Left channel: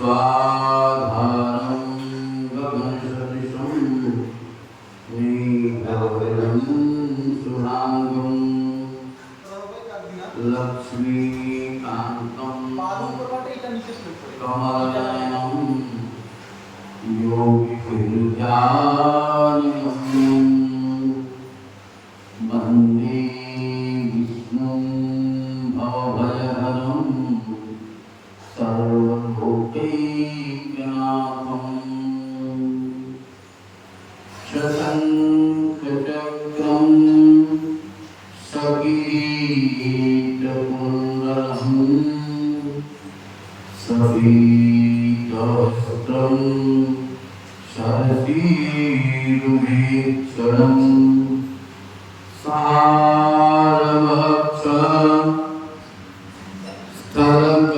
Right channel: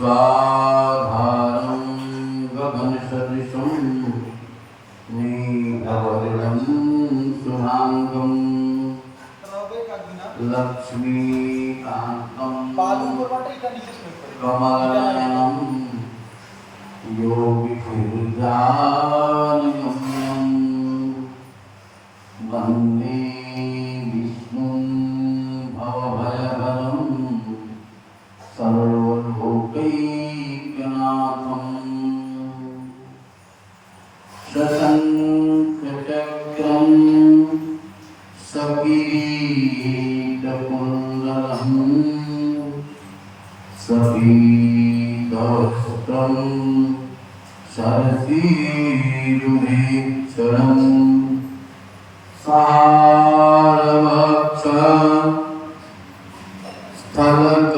स्वाधारं गगनसदृशं मेघवर्णं शुभांगं लक्ष्मीकान्तं कमलनयनं योगिभिर्ध्यानगम्यं वन्दे विष्णुं भवभयहरं सर्वलोकैकनाथं शशङ्खचक्रं सकिरीटकुण्डलं सपीतवस्त्रं शरसीरुहेक्षणं सारवक्षं स्थलगोस्तुभस्त्रियं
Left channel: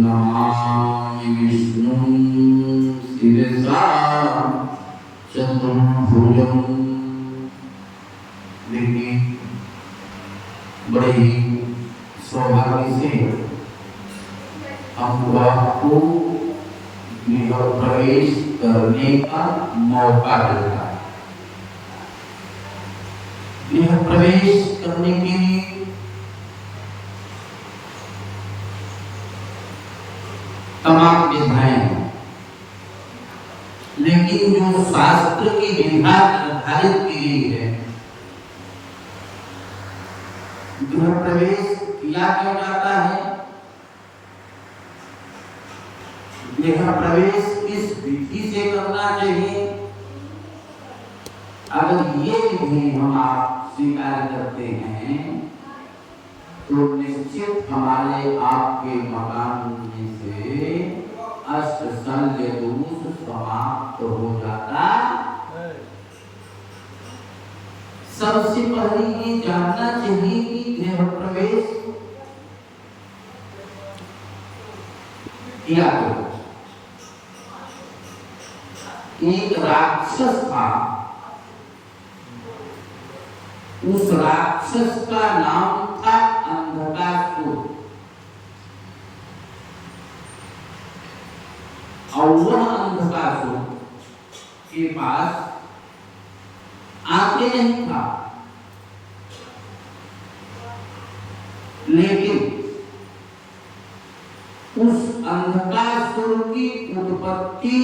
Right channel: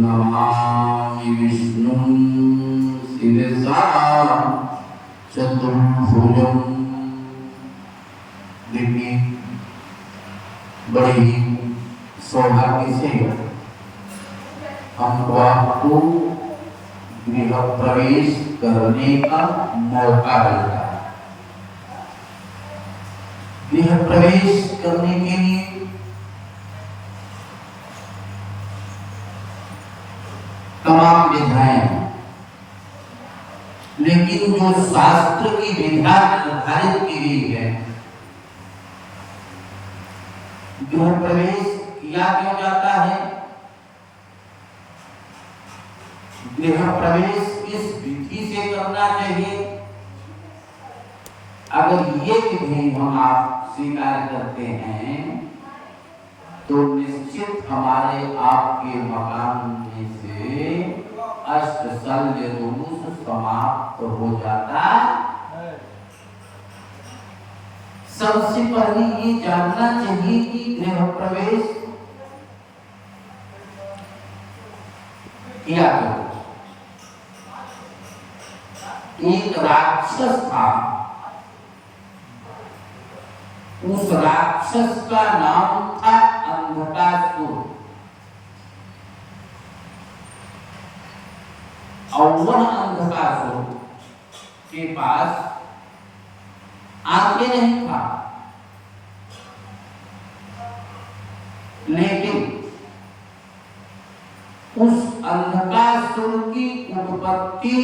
नमामि विष्णुं शिरसा चतुर्भुजं। देखिए बड़ी सौभाग्य से हमको आपको गृह प्रवेश करने का मौका मिलता है। गृह प्रवेश करने के लिए तमाम विधाएं, लेकिन जो शास्त्र की विधा निर्धारित की गई है, गृह प्रवेश किया क्यों जाता है, गृह प्रवेश किस विधि से करना चाहिए, अगर ये विधि हम आप स्वीकार करते हैं तो निश्चित हमारे आपके मकान में से अष्ट शल्य दोष समाप्त हो जाता है। सबसे पहले ये जानना चाहिए कि गृह प्रवेश किया करो। एक राक्षस था, उस राक्षस का नाम था अंधकासुर, और वह अंधकासुर के पास आंखें नहीं था, लेकिन उस अंधकासुर की उत्पत्ति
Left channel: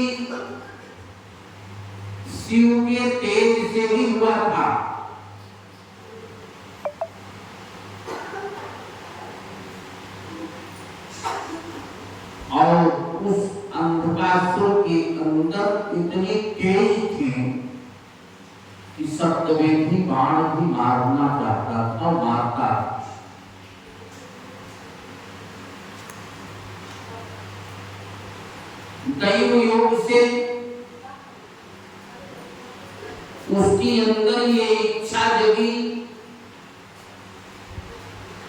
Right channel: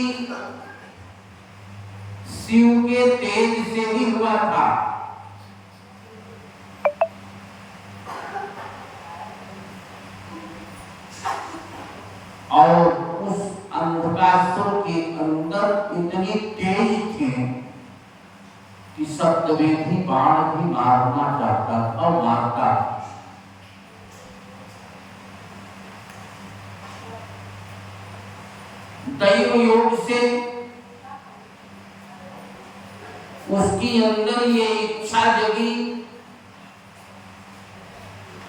शिव के तेज से ही हुआ था। और उस अंधकासुर के अंदर इतनी तेज थी कि सप्तवेदी बाण भी मारना चाहता था और मारता था। दैव योग से उसके अंदर ये इच्छा जगी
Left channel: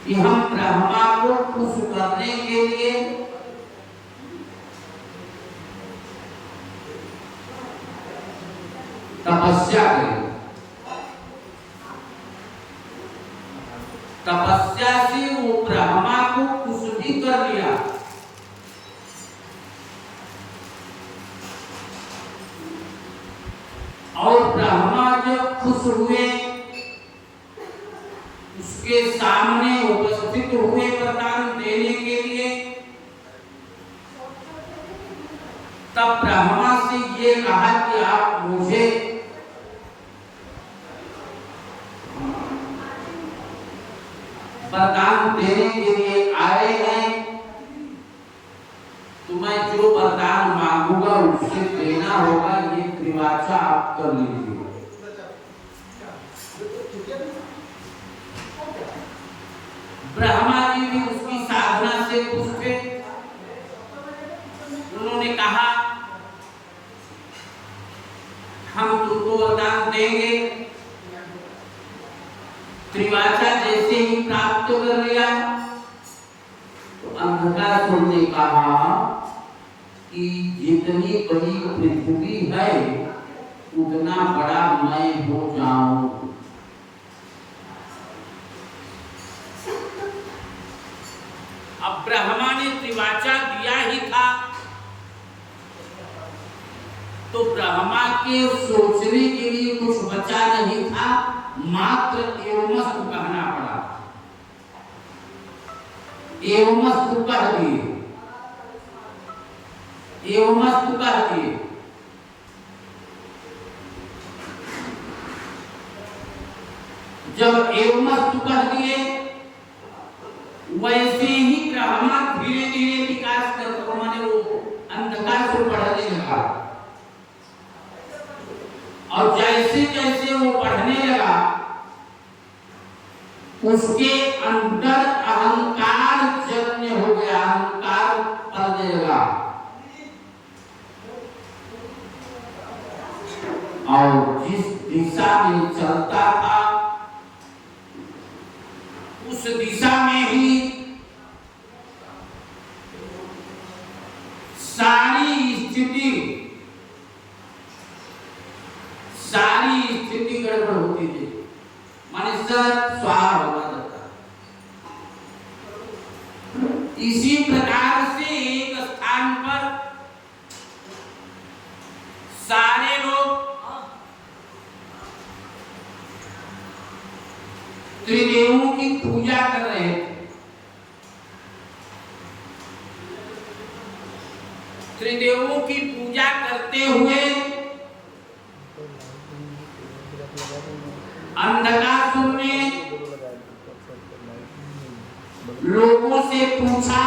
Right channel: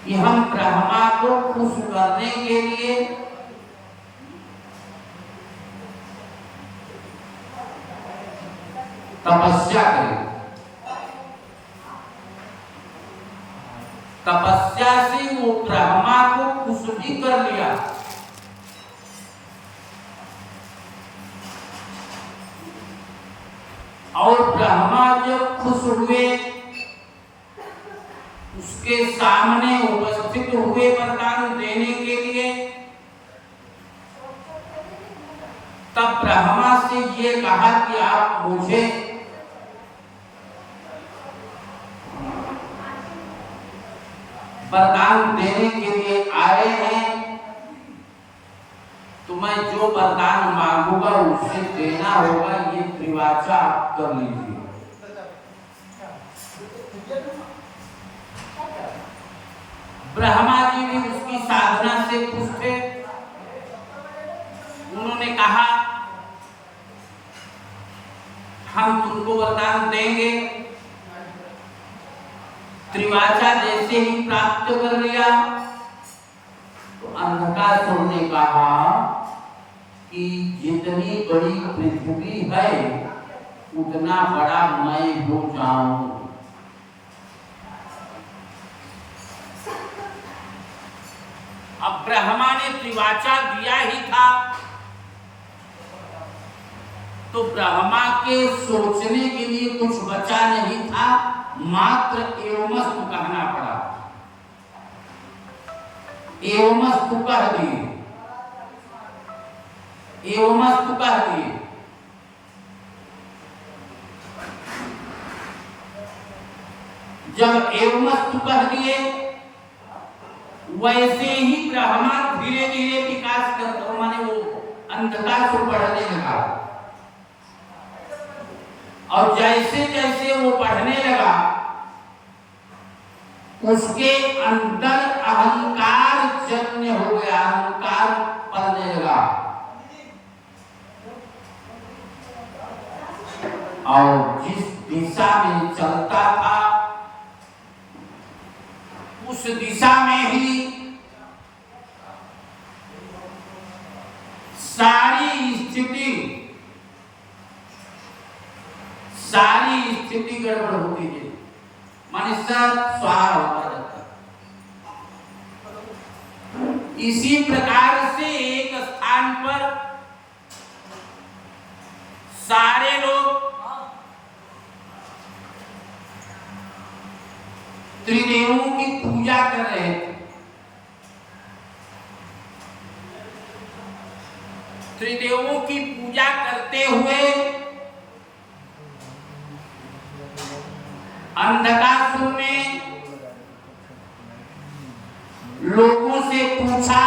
कि हम ब्रह्मा को खुश करने के लिए तपस्या करें। तपस्या से वो ब्रह्मा को खुश भी कर लिया, और ब्रह्मा जब खुश हुए, उसके सामने उपस्थित हुए वरदान देने के लिए, तब ब्रह्मा से ये कहा कि आप मुझे वरदान देने के लिए आए हैं, तो मैं जो वरदान मांगूंगा उससे देना होगा, ये त्रिवाचा आप कर लीजिए। ब्रह्मा जी भी उसकी साधना से खुश थे। उन्होंने कहा हम तुमको वरदान देंगे। त्रिवाचा जैसे ही प्राप्त कर लिया तो अंधकासुर ने कहा कि जितनी बड़ी पृथ्वी है उतना बड़ा मैं हो जाऊं। अब ब्रह्मा ने त्रिवाचा दिया ही था, तो ब्रह्मा के सोचने के लिए कुछ बचा नहीं था, मात्र एवमस्तु कहना पड़ा। एवमस्तु कह दिए, एवमस्तु कह दिए। जब एवमस्तु कह दिए, वैसे ही ब्रह्मा धीरे धीरे विकास करते, माने वो अंधकार से बढ़ने लगा, और जैसे जैसे वो बढ़ने लगा, उसके अंदर अहंकार जन्य हो गया, अहंकार पलने लगा, और जिस दिशा में चलता था उस दिशा में ही सारी स्थिति गड़बड़ होती है, माने सब स्वाहा होगा जाता। इसी प्रकार से एक स्थान पर सारे लोग त्रिदेवों की पूजा कर रहे थे। त्रिदेवों की पूजा करते हुए अंधकासुर ने लोगों से पूछा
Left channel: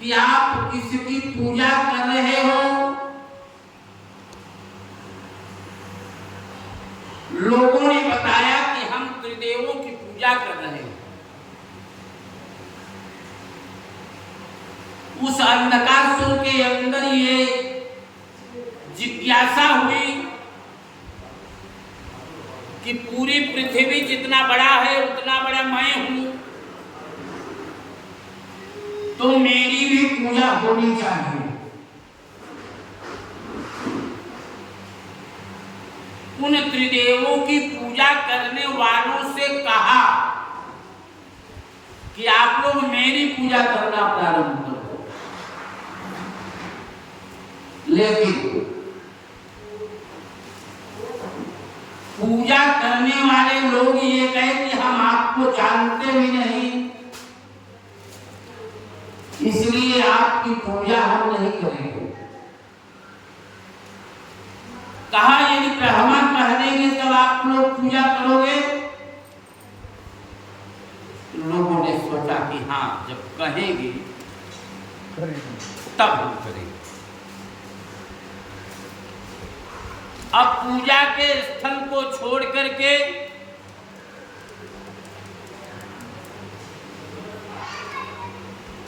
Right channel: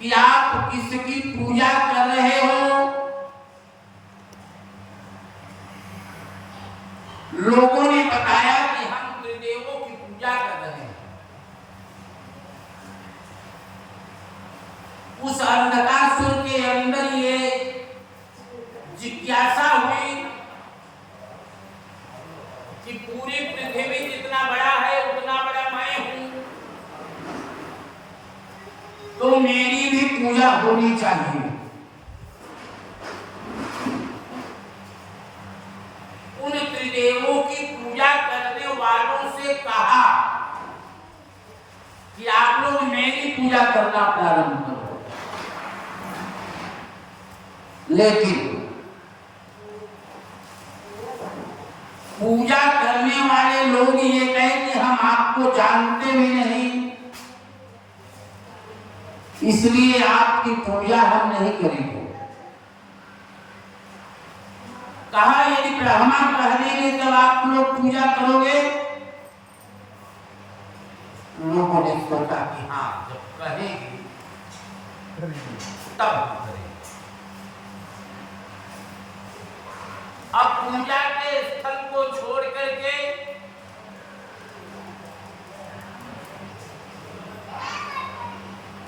कि आप किसकी पूजा कर रहे हो? लोगों ने बताया कि हम त्रिदेवों की पूजा कर रहे हैं। उस अंधकासुर के अंदर ये जिज्ञासा हुई कि पूरी पृथ्वी जितना बड़ा है उतना बड़ा मैं हूं, तो मेरी भी पूजा होनी चाहिए। उन त्रिदेवों की पूजा करने वालों से कहा कि आप लोग मेरी पूजा करना प्रारंभ करो। लेकिन पूजा करने वाले लोग ये कहे कि हम आपको जानते भी नहीं, इसलिए आपकी पूजा हम नहीं करेंगे। कहा यदि ब्रह्मा कह देंगे तब आप लोग पूजा करोगे? लोगों ने सोचा कि हाँ, जब कहेंगे तब हम करेंगे। अब पूजा के स्थल को छोड़ करके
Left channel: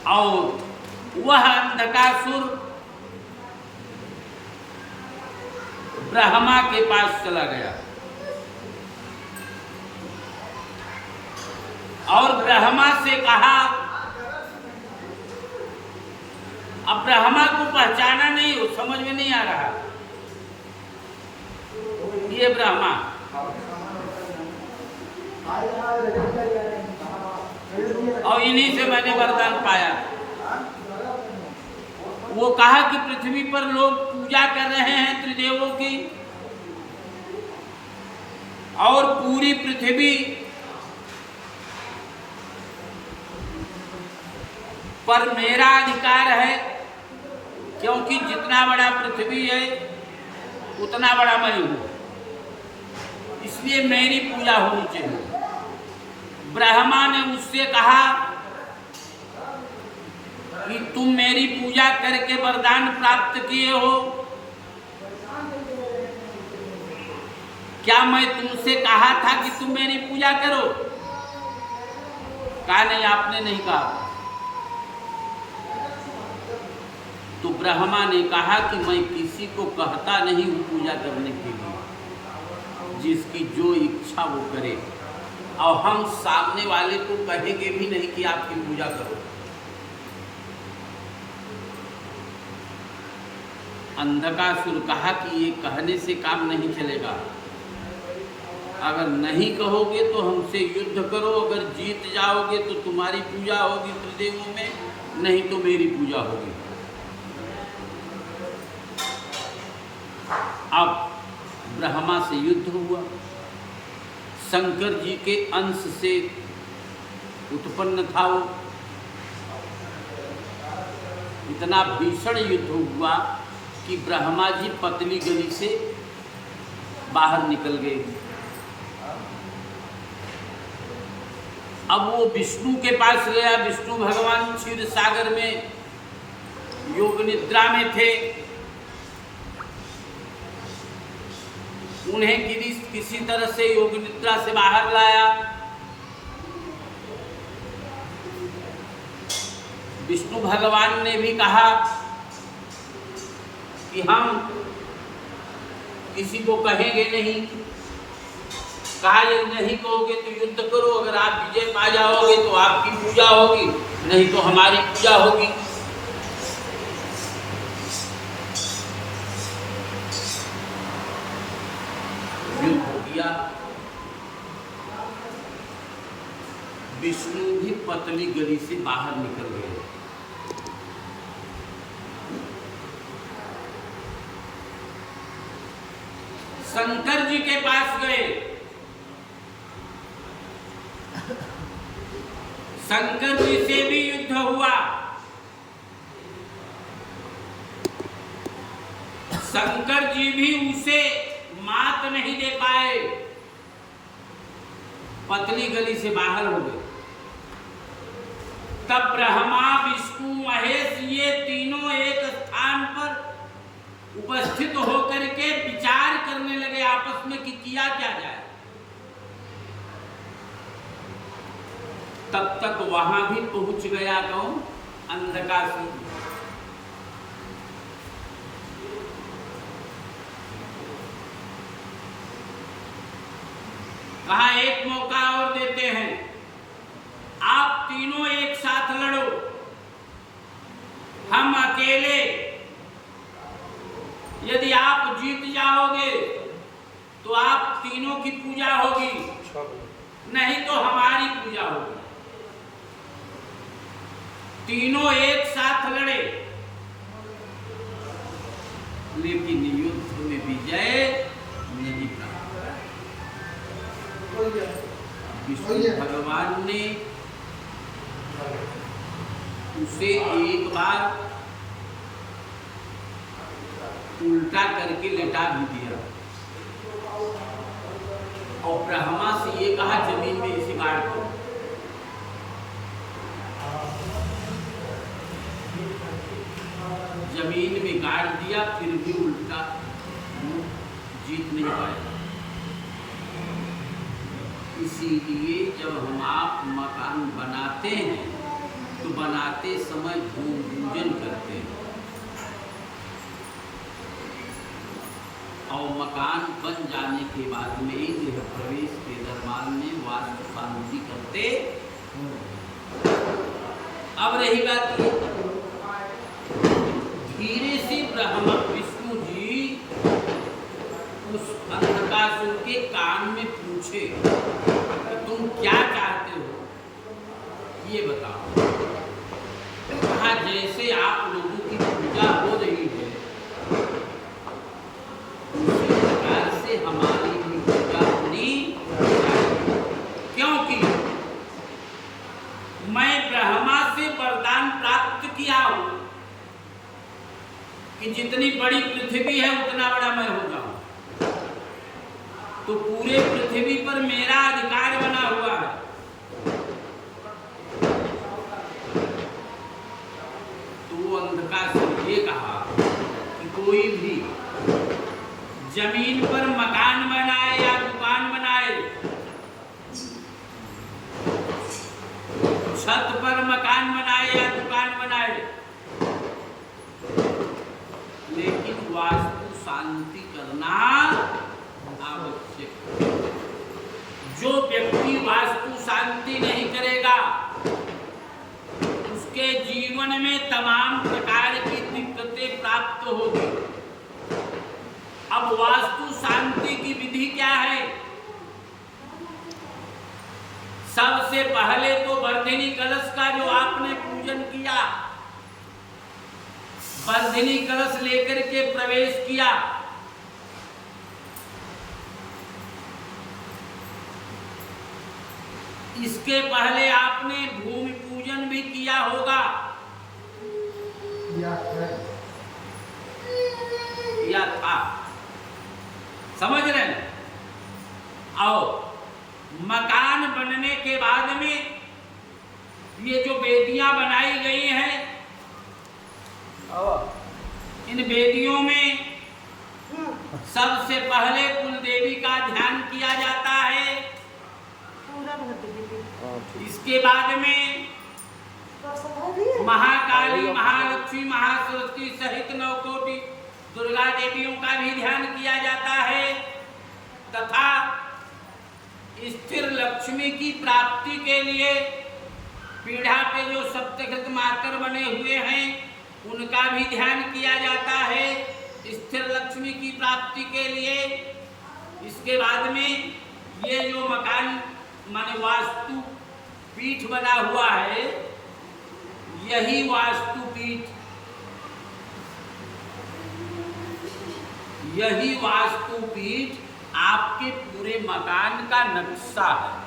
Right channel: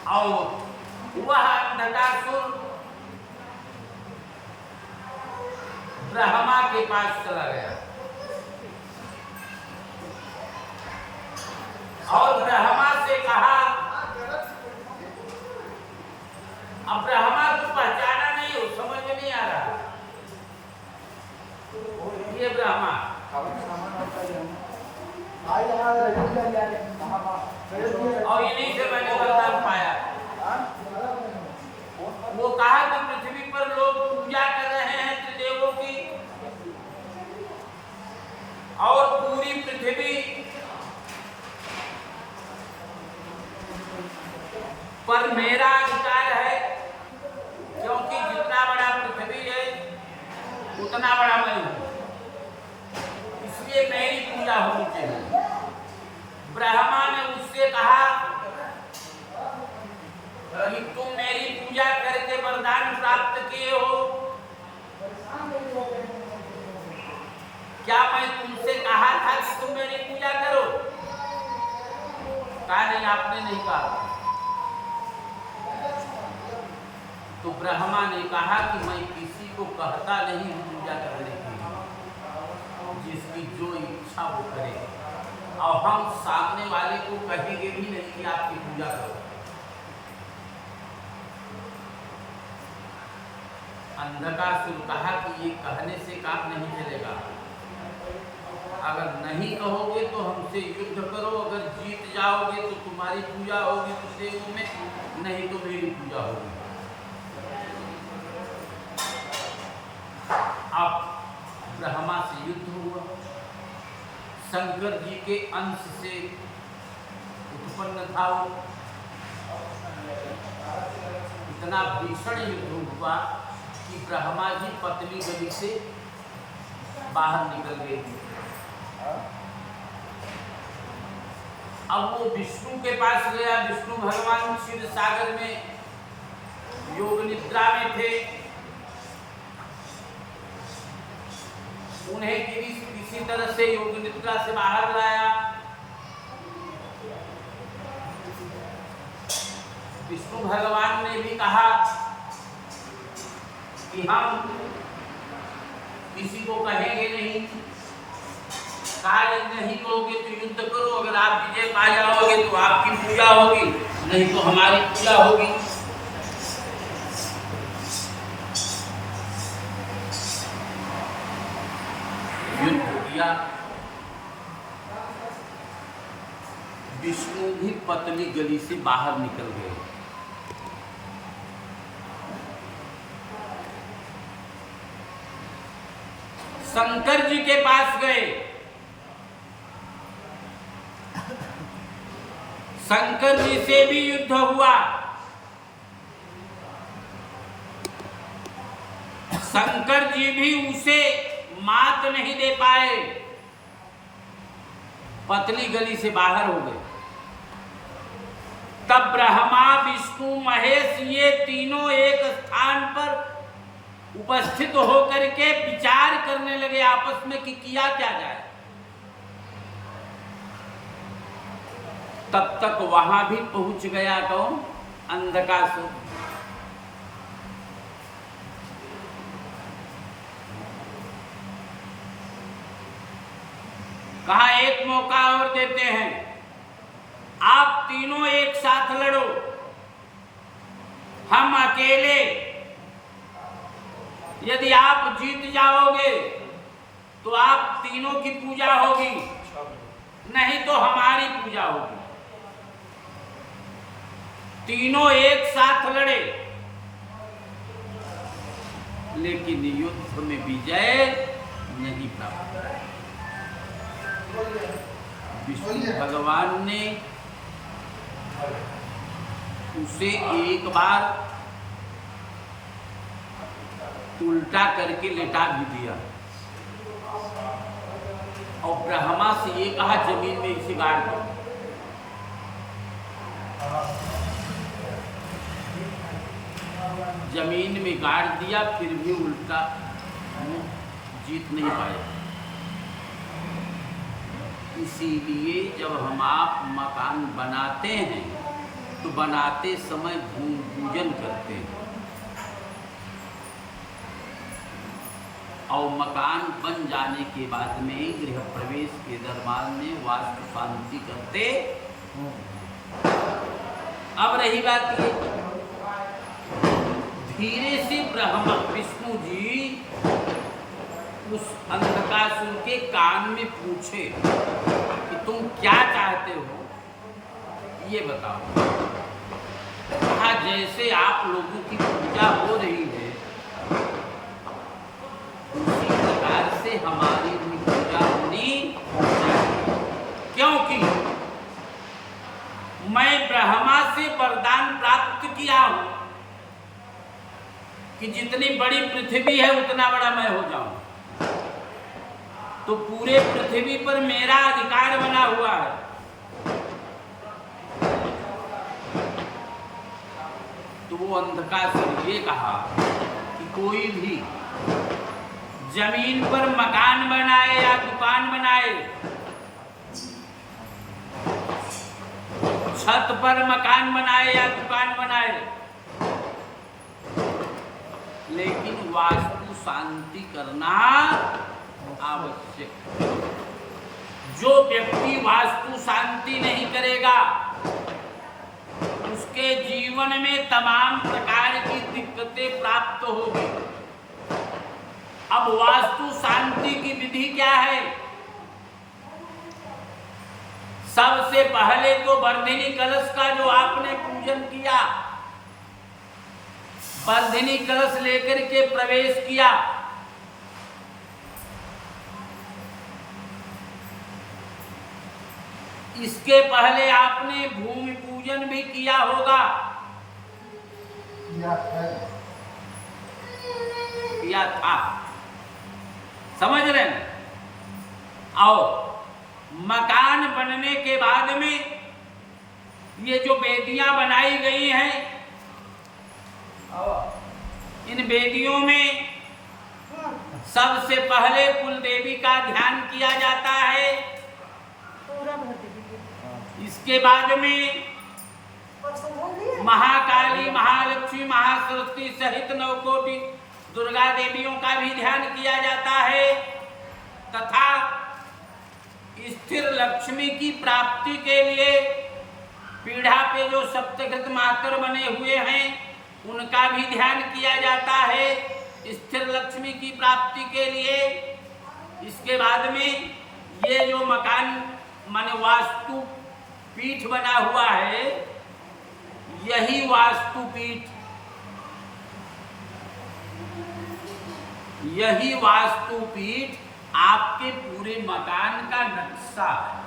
और वह अंधकासुर ब्रह्मा के पास चला गया और ब्रह्मा से कहा, अब ब्रह्मा को पहचाना नहीं, वो समझ में नहीं आ रहा ये ब्रह्मा। और इन्हीं से मैंने वरदान पाया। वो कहा कि पृथ्वी पर लोग पूजा कर रहे हैं त्रिदेवों की, और पूरी पृथ्वी पर मेरा अधिकार है, क्योंकि जितना बड़ा पृथ्वी है उतना बड़ा मैं हूं, इसलिए मेरी पूजा होनी चाहिए। ब्रह्मा ने उससे कहा कि तुम मेरी पूजा करके वरदान प्राप्त किए हो, क्या मैं तुमसे कहा था कि तुम मेरी पूजा करो? कहा नहीं, आपने नहीं कहा। तो ब्रह्मा ने कहा कि मैं किसी को कहता नहीं हूं पूजा करने के लिए, जिसकी जो इच्छा वो करे, और हम सामने वाले को कहेंगे भी नहीं कि आपकी पूजा करो। अंधकासुर कहा कि ये कहने से काम नहीं चलेगा, अगर नहीं कहोगे तो हमसे युद्ध करो, अगर जीत जाओगे तो तुम्हारी पूजा होगी त्रिदेवों में, नहीं तो मेरी पूजा होगी। अब ब्रह्मा से युद्ध हुआ, शंकर जी के अंश से उत्पन्न था वो। इतना भीषण युद्ध हुआ कि ब्रह्मा जी पतली गली से बाहर निकल गए। अब वो विष्णु के पास गया। विष्णु भगवान क्षीर सागर में योग निद्रा में थे। उन्हें किसी तरह से योग निद्रा से बाहर लाया। विष्णु भगवान ने भी कहा कि हम किसी को कहेंगे नहीं। कहा यदि नहीं कहोगे तो युद्ध करो, अगर आप विजय पा जाओगे तो आपकी पूजा होगी, नहीं तो हमारी पूजा होगी। युद्ध किया। विष्णु भी पतली गली से बाहर निकल गए। शंकर जी के पास गए। शंकर जी से भी युद्ध हुआ। शंकर जी भी उसे मात नहीं दे पाए, पतली गली से बाहर हो गए। तब ब्रह्मा विष्णु महेश ये तीनों एक स्थान पर उपस्थित होकर के विचार करने लगे आपस में कि किया क्या जाए। तब तक वहां भी पहुंच गया कौन? अंधकासुर। कहा एक मौका और देते हैं, आप तीनों एक साथ लड़ो, हम अकेले। यदि आप जीत जाओगे तो आप तीनों की पूजा होगी, नहीं तो हमारी पूजा होगी। तीनों एक साथ लड़े, लेकिन युद्ध में विजय नहीं प्राप्त। विष्णु भगवान ने उसे एक बार उल्टा करके लेटा भी दिया और ब्रह्मा से ये कहा जमीन में इसे गाड़ दो। जमीन में गाड़ दिया, फिर भी उल्टा जीत नहीं पाए। इसीलिए जब हम आप मकान बनाते हैं तो बनाते समय भूमि पूजन करते हैं और मकान बन जाने के बाद में गृह प्रवेश के दरबार में वास्तु शांति करते। अब रही बात ये, धीरे से ब्रह्मा विष्णु जी उस अंधकासुर के कान में पूछे कि तुम क्या चाहते हो, ये बताओ। कहा जैसे आप लोगों की पूजा हो रही है उसी प्रकार से हमारी भी पूजा होनी चाहिए, क्योंकि मैं ब्रह्मा से वरदान प्राप्त किया हूं कि जितनी बड़ी पृथ्वी है उतना बड़ा मैं हो जाऊं। तो पूरे पृथ्वी पर मेरा अधिकार बना हुआ है। तो वो अंधकासुर ये कहा कि कोई भी जमीन पर मकान बनाए या दुकान बनाए, छत पर मकान बनाए या दुकान बनाए, लेकिन वास्तु शांति करना आवश्यक। जो व्यक्ति वास्तु शांति नहीं करेगा उसके जीवन में तमाम प्रकार की दिक्कतें प्राप्त होगी। अब वास्तु शांति की विधि क्या है? सबसे पहले तो वर्धिनी कलश का जो आपने पूजन किया, वर्धिनी कलश लेकर के प्रवेश किया, इसके पहले आपने भूमि पूजन भी किया होगा, किया था, समझ रहे हैं? और मकान बनने के बाद में ये जो वेदियां बनाई गई हैं, इन वेदियों में सबसे पहले कुल देवी का ध्यान किया जाता है, इसके बाद में महाकाली, महालक्ष्मी, महासरस्वती सहित 9 कोटि दुर्गा देवियों का भी ध्यान किया जाता है, तथा स्थिर लक्ष्मी की प्राप्ति के लिए पीढ़ा पे जो सप्तशत मातर बने हुए हैं उनका भी ध्यान किया जाता है स्थिर लक्ष्मी की प्राप्ति के लिए। इसके बाद में ये जो मकान माने वास्तु पीठ बना हुआ है, यही वास्तु पीठ, यही वास्तु पीठ आपके पूरे मकान का नक्शा है।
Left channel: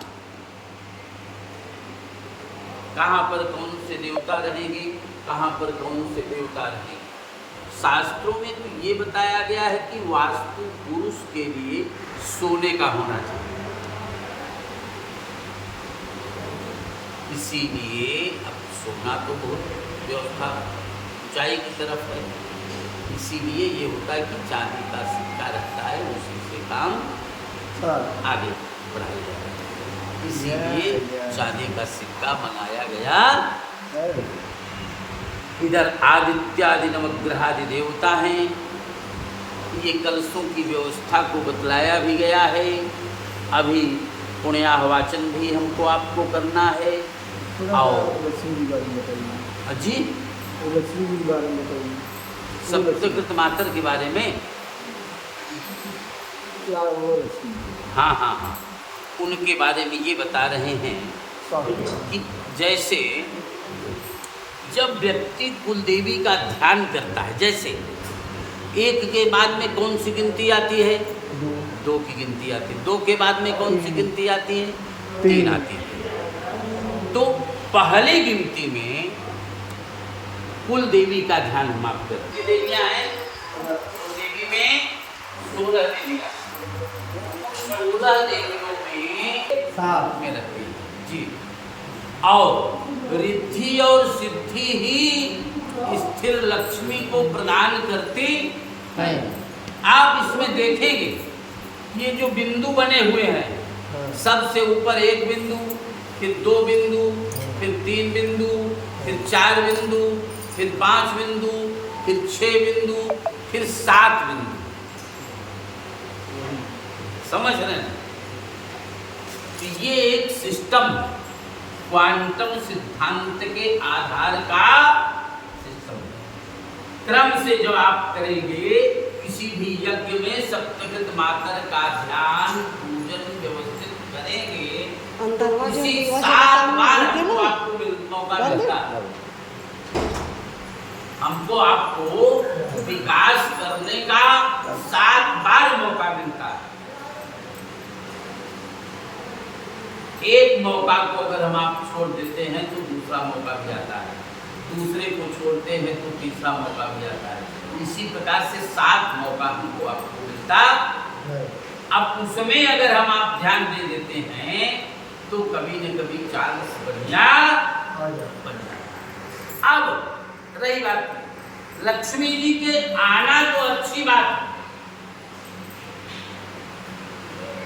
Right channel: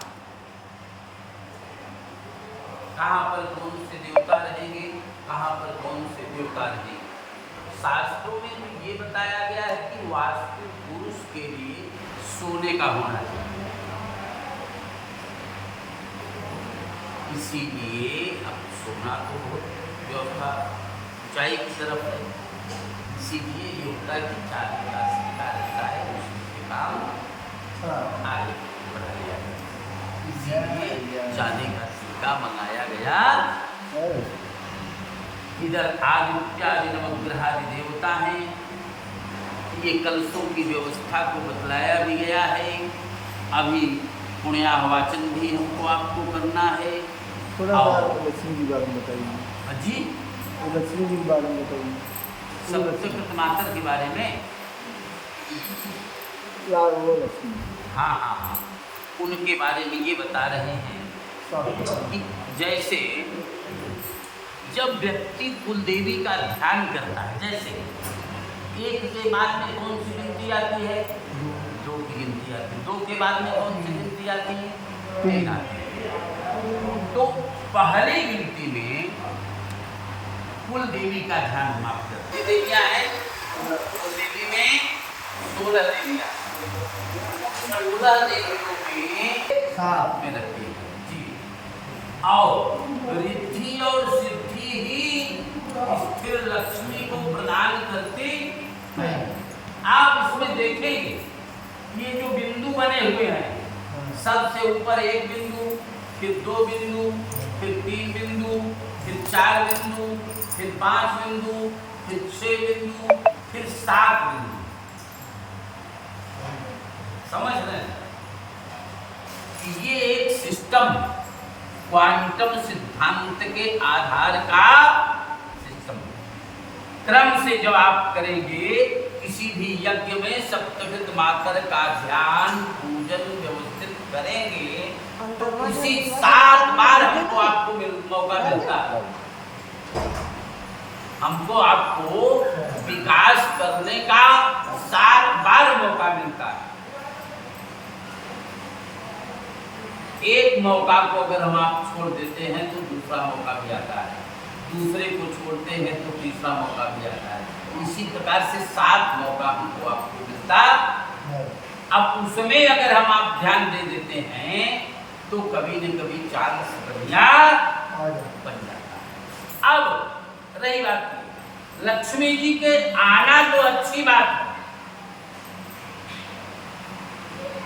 कहां पर कौन से देवता रहेंगे, कहां पर कौन से देवता रहेंगे। शास्त्रों में तो ये बताया गया है कि वास्तु पुरुष के लिए सोने का होना चाहिए, इसीलिए अब सोना तो व्यवस्था ऊंचाई की तरफ है, इसीलिए ये होता है कि चांदी का सिक्का रहता है, उसी से काम आगे बढ़ाया जाता है, इसीलिए चांदी का सिक्का बनाया गया। इधर आदित्यादि नवग्रहादि देवता हैं, ये कलशों की व्यवस्था को बतलाया भी गया है। अभी पुण्याहवाचन भी हमको आपको करना है। और लक्ष्मी जी बारे में बताइए जी, लक्ष्मी जी के बारे में बताइए, सप्तशत मातर के बारे में। वो लक्ष्मी, हाँ हाँ हाँ, उनके बारे में ये बता रहे हैं कि जैसे जब व्यक्ति कुल देवी का ध्यान करता है, जैसे एक के बाद में कौन सी गिनती आती है, 2 की गिनती आती है, 2 के बाद में कौन सी गिनती आती है, 3 आती है। तो पहली गिनती में कुल देवी का ध्यान हम आप करते हैं। देवियां हैं, कुल देवी में 16 देवियां, 16 देवियों में रखती है जी। और रिद्धि और सिद्धि ही स्थिर लक्ष्मी को प्रदान करते हैं। आप इसमें देखेंगे ये जो बिंदु बने हुए हैं, सबसे ऊपर 1 बिंदु, फिर 2 बिंदु, फिर 3 बिंदु, फिर 4 बिंदु, फिर 5 बिंदु, फिर 6 बिंदु, फिर 7 बिंदु। समझ रहे हैं कि ये एक सिस्टम, क्वांटम सिद्धांत के आधार का सिस्टम। क्रम से जब आप करेंगे किसी भी यज्ञ में सप्तशत मातर का ध्यान पूजन व्यवस्थित करेंगे तो उसी 7 बार हमको आपको मौका मिलता है, हमको आपको विकास करने का 7 बार मौका मिलता है। एक मौका को अगर हम आप छोड़ देते हैं तो दूसरा मौका भी आता है, दूसरे को छोड़ते हैं तो तीसरा मौका भी आता है, इसी प्रकार से 7 मौका हमको आपको मिलता। अब उसमें अगर हम आप ध्यान दे देते हैं तो कभी न कभी चांस बढ़िया बन जाता है। अब रही बात लक्ष्मी जी के आना तो अच्छी बात है,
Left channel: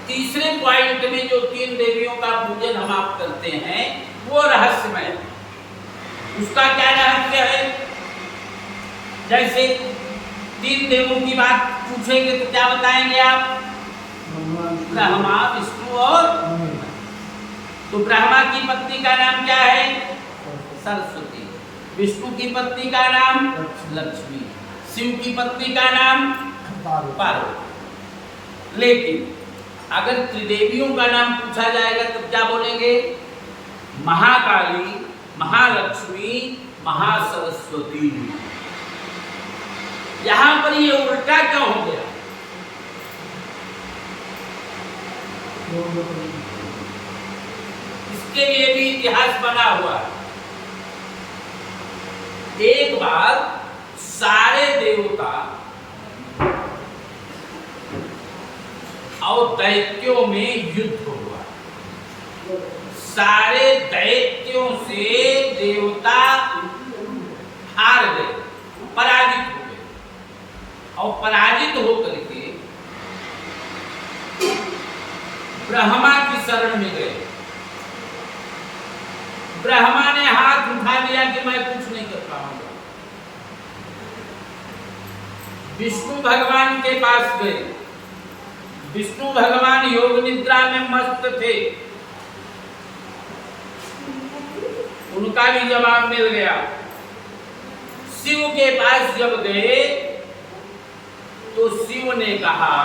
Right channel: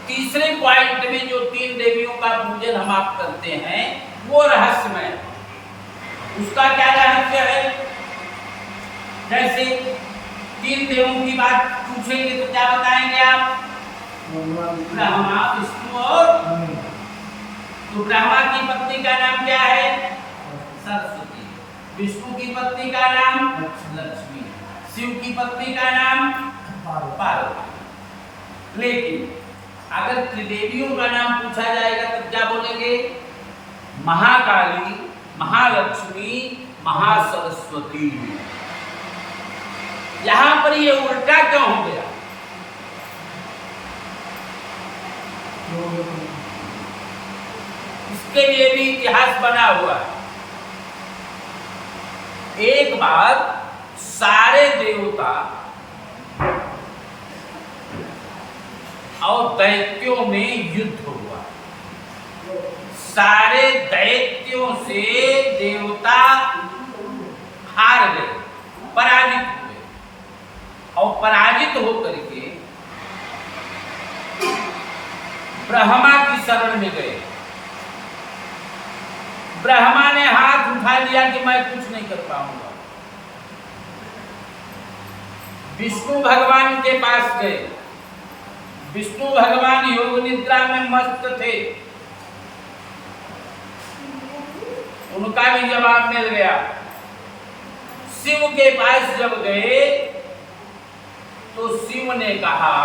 तीसरे पॉइंट में जो 3 देवियों का पूजन हम आप करते हैं वो रहस्यमय है। उसका क्या रहस्य है, जैसे 3 देवों की बात पूछेंगे तो क्या बताएंगे आप, ब्रह्मा, विष्णु और तो ब्रह्मा की पत्नी का नाम क्या है, सरस्वती, विष्णु की पत्नी का नाम लक्ष्मी, शिव की पत्नी का नाम पार्वती। लेकिन अगर त्रिदेवियों का नाम पूछा जाएगा तब क्या बोलेंगे, महाकाली, महालक्ष्मी, महासरस्वती। यहां पर ये उल्टा क्यों हो गया? इसके लिए भी इतिहास बना हुआ है। एक बार सारे देवता और दैत्यों में युद्ध हुआ। सारे दैत्यों से देवता हार गए, पराजित हुए, और पराजित होकर के ब्रह्मा की शरण में गए। ब्रह्मा ने हाथ उठा लिया कि मैं कुछ नहीं कर पाऊंगा। विष्णु भगवान के पास गए। विष्णु भगवान योग निद्रा में मस्त थे। उनका भी जवाब मिल गया। शिव के पास जब गए तो शिव ने कहा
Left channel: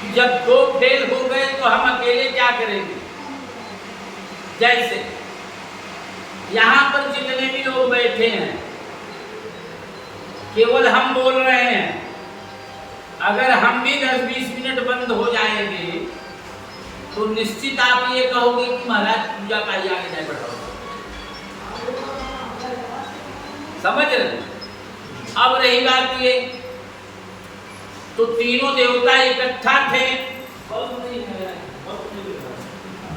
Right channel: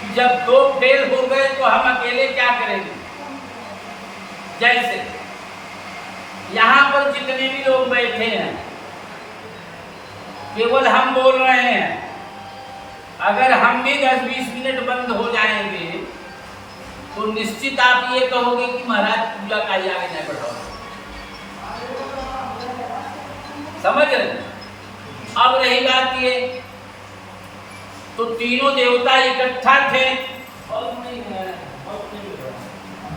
कि जब दो फेल हो गए तो हम अकेले क्या करेंगे। जैसे यहां पर जितने भी लोग बैठे हैं, केवल हम बोल रहे हैं। अगर हम भी 10-20 मिनट बंद हो जाएंगे तो निश्चित आप ये कहोगे कि महाराज पूजा का ही आगे नहीं बढ़ रहा। समझ रहे? अब रही बात ये, तो तीनों देवता इकट्ठा थे,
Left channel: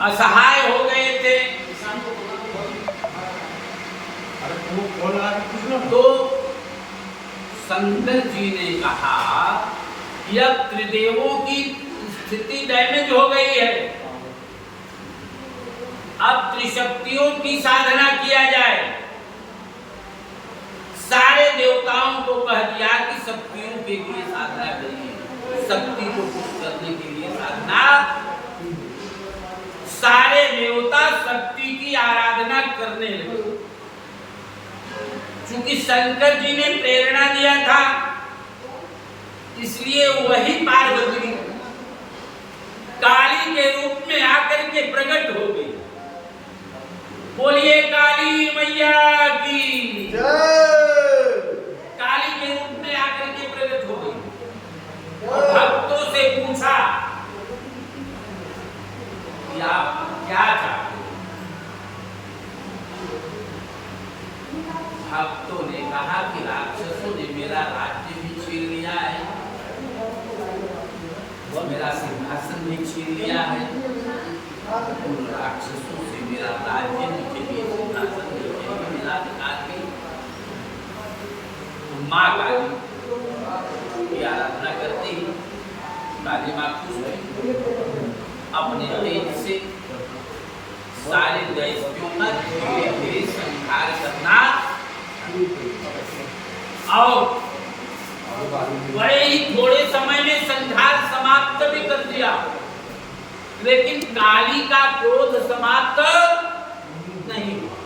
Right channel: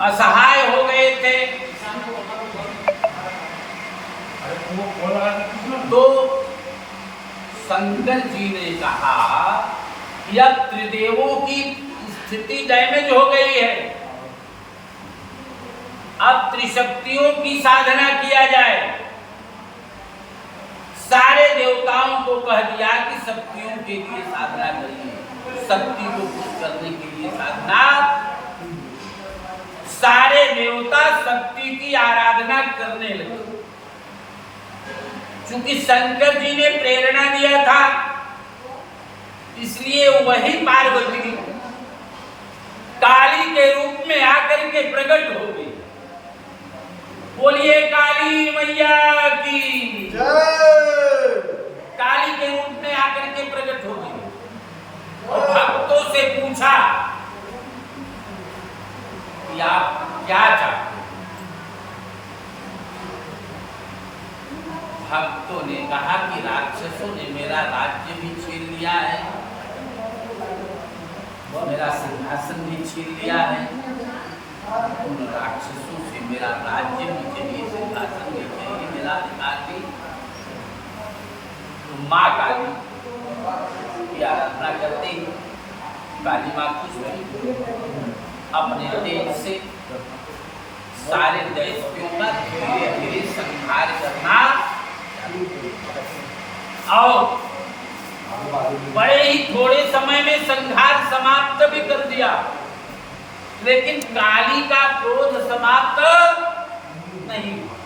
असहाय हो गए थे। तो शंकर जी ने कहा कि अब त्रिदेवों की स्थिति डैमेज हो गई है, अब त्रिशक्तियों की साधना किया जाए। सारे देवताओं को कह दिया कि शक्तियों के लिए साधना करिए, शक्ति को खुश करने के लिए साधना। सारे देवता शक्ति की आराधना करने लगे। चूंकि शंकर जी ने प्रेरणा दिया था, इसलिए वही पार्वती काली के रूप में आकर के प्रकट हो गई। बोलिए काली मैया की जय। काली के रूप में आकर के प्रकट हो गई और भक्तों से पूछा कि आप क्या चाहते। भक्तों ने कहा कि राक्षसों ने मेरा राज्य भी छीन लिया है, वो मेरा सिंहासन भी छीन लिया है, उन राक्षसों से मेरा राज्य भी चाहिए, सिंहासन भी चाहिए, मेरा अधिकार भी। तो माँ काली की आराधना करते ही काली माँ खुश हुई। अपने तेज से सारे दैत्यों का धीरे धीरे संहार करना और बड़े ही थोड़े समय में संहार समाप्त भी कर दिया। लेकिन काली का क्रोध समाप्त नहीं हुआ।